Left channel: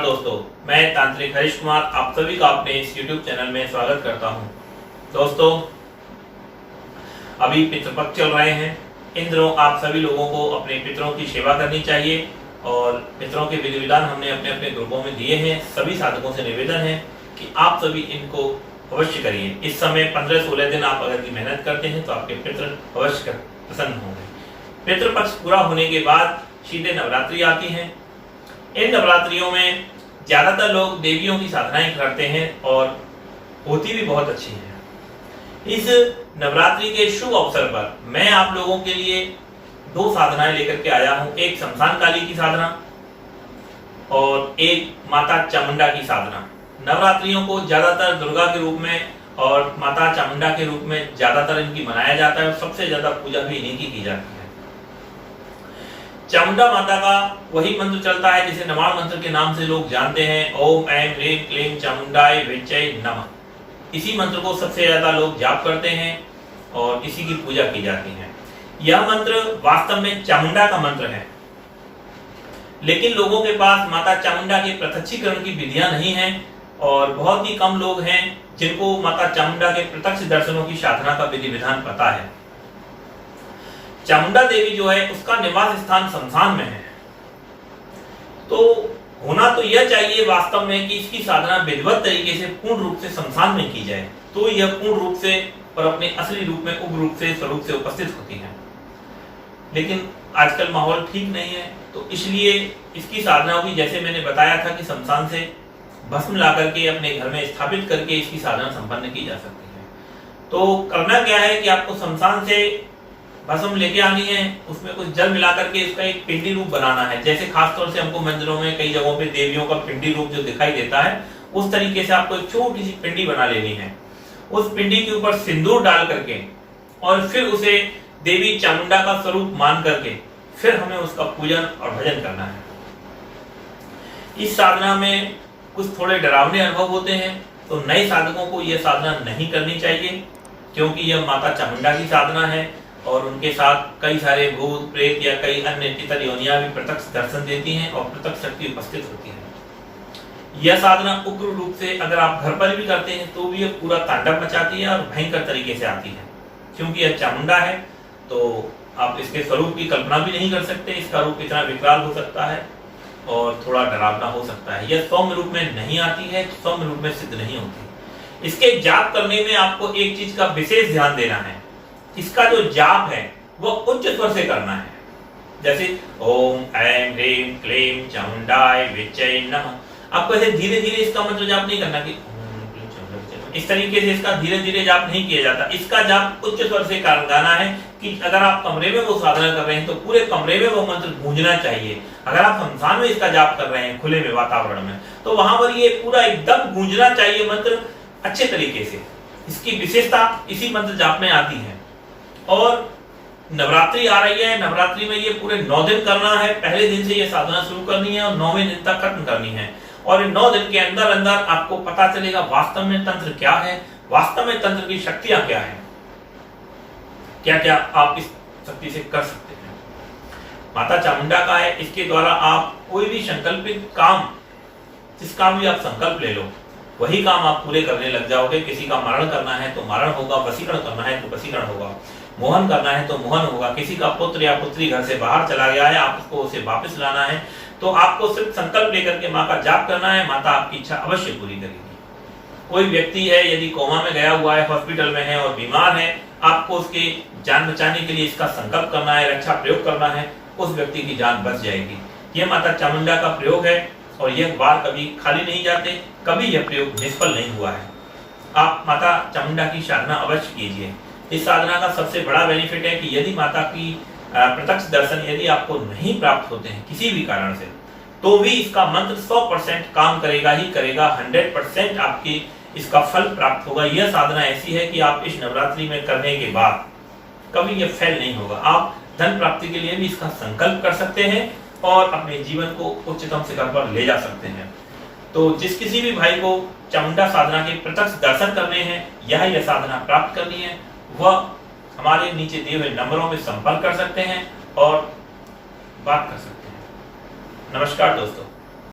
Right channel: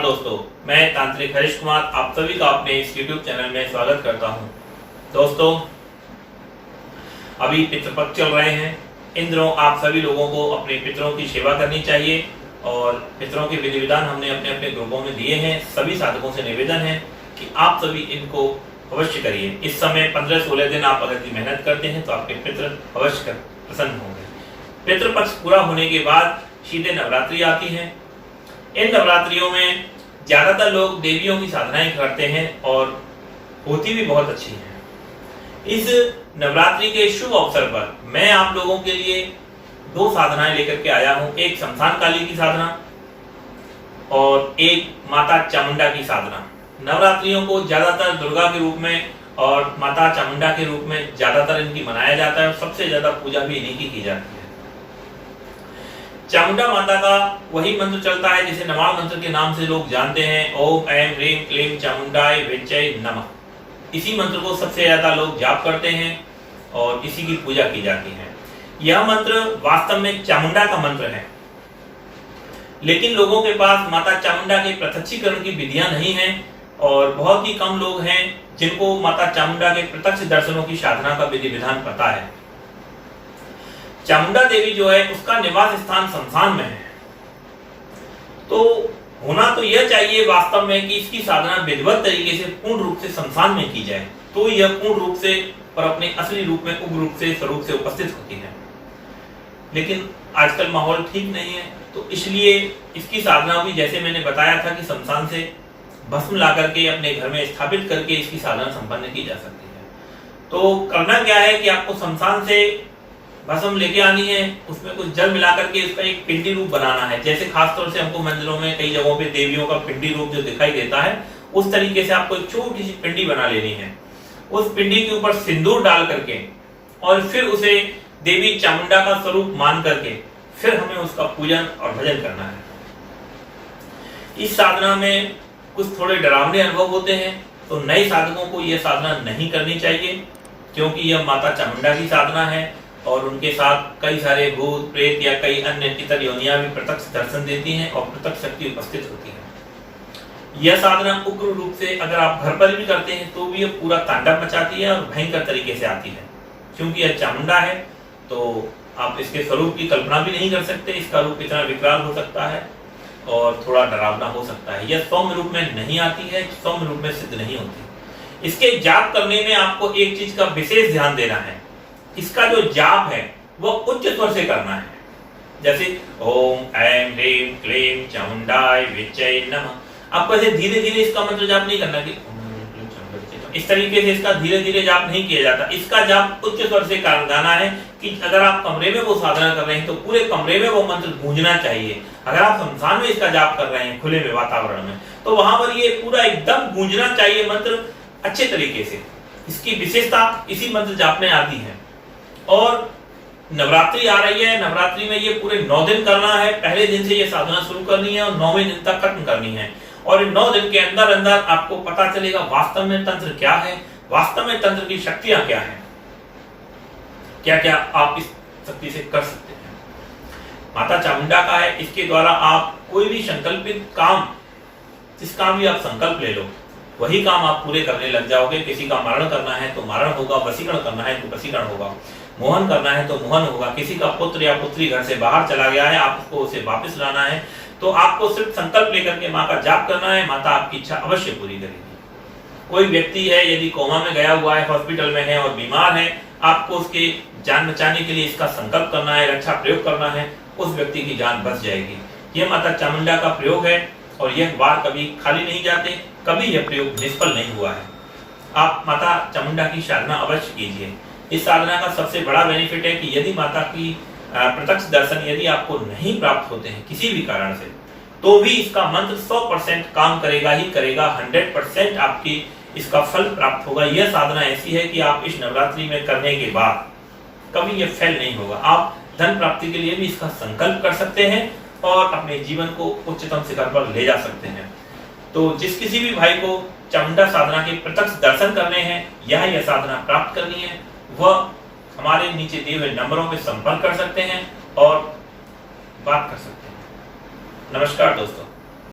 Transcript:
नमस्कार दोस्तों, मैं तांत्रिक हरीश कुमार आप सभी का अपने इस YouTube चैनल में स्वागत करता हूं। दोस्तों, अभी पितृपक्ष चल रहे हैं। इन दिनों आप सभी लोगों को अपने पितरों की सेवा करनी चाहिए और पितरों के विधि विधान हमने अपने अपने ग्रुपों में दिए हैं। सभी साधकों से निवेदन है कि आप सभी इनको अवश्य करिए। इस समय 15-16 दिन आप अगर मेहनत करते हैं तो आपके पितृ अवश्य प्रसन्न होंगे। पितृपक्ष पूरा होने के बाद सीधे नवरात्रि आती है। इन नवरात्रियों में ज्यादातर लोग देवियों की साधनाएं करते हैं और होती भी बहुत अच्छी है। इस नवरात्रि के शुभ अवसर पर मैं आप लोगों के लिए 2 साधनाएं लेकर के आया हूं। एक शमशान काली की साधना और एक माता चामुंडा की साधना। नवरात्रियों को ज्यादातर दुर्गा के रूप में और माता चामुंडा के रूप में ज्यादातर इनकी मनाया जाता है और सबसे ज्यादा पूजा भी इन्हीं की जाती है। चामुंडा माता का वही मंत्र चलता है जिसे नमाण मंत्र के नाम से लोग जानते हैं। ओम ऐं ह्रीं क्लीं चामुंडाय विच्चै नमः। इसी मंत्र को सबसे ज्यादा लोग जाप करते हैं और इसी की पूजा की जाती है। यह मंत्र वास्तव में चामुंडा का मंत्र है, लेकिन लोगों के पास माता चामुंडा के प्रत्यक्षीकरण की विधियां नहीं है और बहुत ही कम लोग हैं जिनको माता चामुंडा के प्रत्यक्ष दर्शनों की साधना का विधि विधान पता है। चामुंडा देवी जो है उसका निवास स्थान शमशान में है, तो होना तो यह चाहिए वास्तव में कि इसकी साधना विधिवत तरीके से पूर्ण रूप से शमशान में की जाए, तो यह पूर्ण रूप से और अपने असली रूप में उग्र रूप से स्वरूप से उपस्थित होती है। लेकिन आजकल माहौल ठीक नहीं है, तो इसलिए इसकी साधनाओं की जैसे मैंने बताया था कि शमशान से भस्म ला करके अपने घर में स्थापित करके इसकी साधना संपन्न की जा सकती है। तो करना क्या है कि आपको शमशान से भस्म लेके आनी है, उसमें कुछ जल मिला करके इसका एक पिंडी रूप बनाना है। जैसे खासतौर से हमको मंदिरों में कई जगहों पे देवियों का पिंडी रूप जो दिखाई देता है, उस तरीके से आपको एक छोटी सी पिंडी बना लेनी है। उस पिंडी के ऊपर सिंदूर डाल करके और फिर उसे देवी चामुंडा का स्वरूप मान करके फिर हमें उसका पूजन और भजन करना है। इस साधना में कुछ थोड़े डरावने अनुभव होते हैं, तो नए साधकों को यह साधना नहीं करनी चाहिए, क्योंकि यह माता चामुंडा की साधना है और उनके साथ कई सारे भूत प्रेत या कई अन्य इतर योनियां भी प्रत्यक्ष दर्शन देती हैं और प्रत्यक्ष शक्ति उपस्थित होती है। यह साधना उग्र रूप से अगर आप घर पर भी करते हैं तो भी यह पूरा तांडव मचाती है और भयंकर तरीके से आती है। क्योंकि यह चामुंडा है तो आप इसके स्वरूप की कल्पना भी नहीं कर सकते। इसका रूप इतना विकराल हो सकता है और थोड़ा डरावना हो सकता है। यह सौम्य रूप में नहीं आती है, सौम्य रूप में सिद्ध नहीं होती। इसके जाप करने में आपको एक चीज का विशेष ध्यान देना है। इसका जो जाप है वो उच्च स्वर से करना है, जैसे ओम ऐं ह्रीं क्लीं चामुंडाय विच्चै नमः। आपको ऐसे धीरे धीरे इसका मंत्र जाप नहीं करना कि इस तरीके से इसका धीरे धीरे जाप नहीं किया जाता। इसका जाप उच्च स्वर से गाना है कि अगर आप कमरे में वो साधना कर रहे हैं तो पूरे कमरे में वो मंत्र गूंजना चाहिए। अगर आप शमशान में इसका जाप कर रहे हैं खुले में वातावरण में, तो वहां पर ये पूरा एकदम गूंजना चाहिए मंत्र अच्छे तरीके से। इसकी विशेषता इसी मंत्र जाप में आती है। और नवरात्रि आ रही है, नवरात्रि में ये पूरे 9 दिन करना है। पहले दिन से ये साधना शुरू करनी है और 9वें दिन तक खत्म करनी है। और 9 दिन के अंदर अंदर आपको पता चलेगा वास्तव में तंत्र क्या है, वास्तव में तंत्र की शक्तियां क्या है, क्या क्या आप इस शक्ति से कर सकते हैं। माता चामुंडा का है, इसके द्वारा आप कोई भी संकल्पित काम, जिस काम भी आप संकल्प ले लो वही काम आप पूरे करने लग जाओगे। किसी का मरण करना है तो मरण होगा, वशीकरण करना है तो वशीकरण होगा, मोहन करना है तो मोहन होगा। किसी का पुत्र या पुत्री घर से बाहर चला गया है, आपको उसे वापस लाना है, तो आपको सिर्फ संकल्प लेकर के माँ का जाप करना है। माता आपकी इच्छा अवश्य पूरी करेगी। कोई व्यक्ति है यदि कोमा में गया हुआ है, हॉस्पिटल में है और बीमार है, आपको उसके जान बचाने के लिए इसका संकल्प करना है, रक्षा प्रयोग करना है, उस व्यक्ति की जान बच जाएगी। यह माता चामुंडा का प्रयोग है और यह बार कभी खाली नहीं जाते, कभी यह प्रयोग निष्फल नहीं हुआ है। आप माता चामुंडा की साधना अवश्य कीजिए। इस साधना का सबसे बड़ा बेनिफिट है कि यदि माता की प्रत्यक्ष दर्शन यदि आपको नहीं प्राप्त होते हैं किसी भी कारण से, तो भी इसका मंत्र 100% काम करेगा ही करेगा। 100% आपकी इसका फल प्राप्त होगा। यह साधना ऐसी है कि आप इस नवरात्रि में करने के बाद कभी यह फेल नहीं होगा। आप धन प्राप्ति के लिए भी इसका संकल्प कर सकते हैं और अपने जीवन को उच्चतम शिखर पर ले जा सकते हैं। तो जिस किसी भी भाई को चामुंडा साधना के प्रत्यक्ष दर्शन करने हैं या यह साधना प्राप्त करनी है, वह हमारे नीचे दिए हुए नंबरों में संपर्क कर सकते हैं और बात कर सकते हैं। नमस्कार दोस्तों।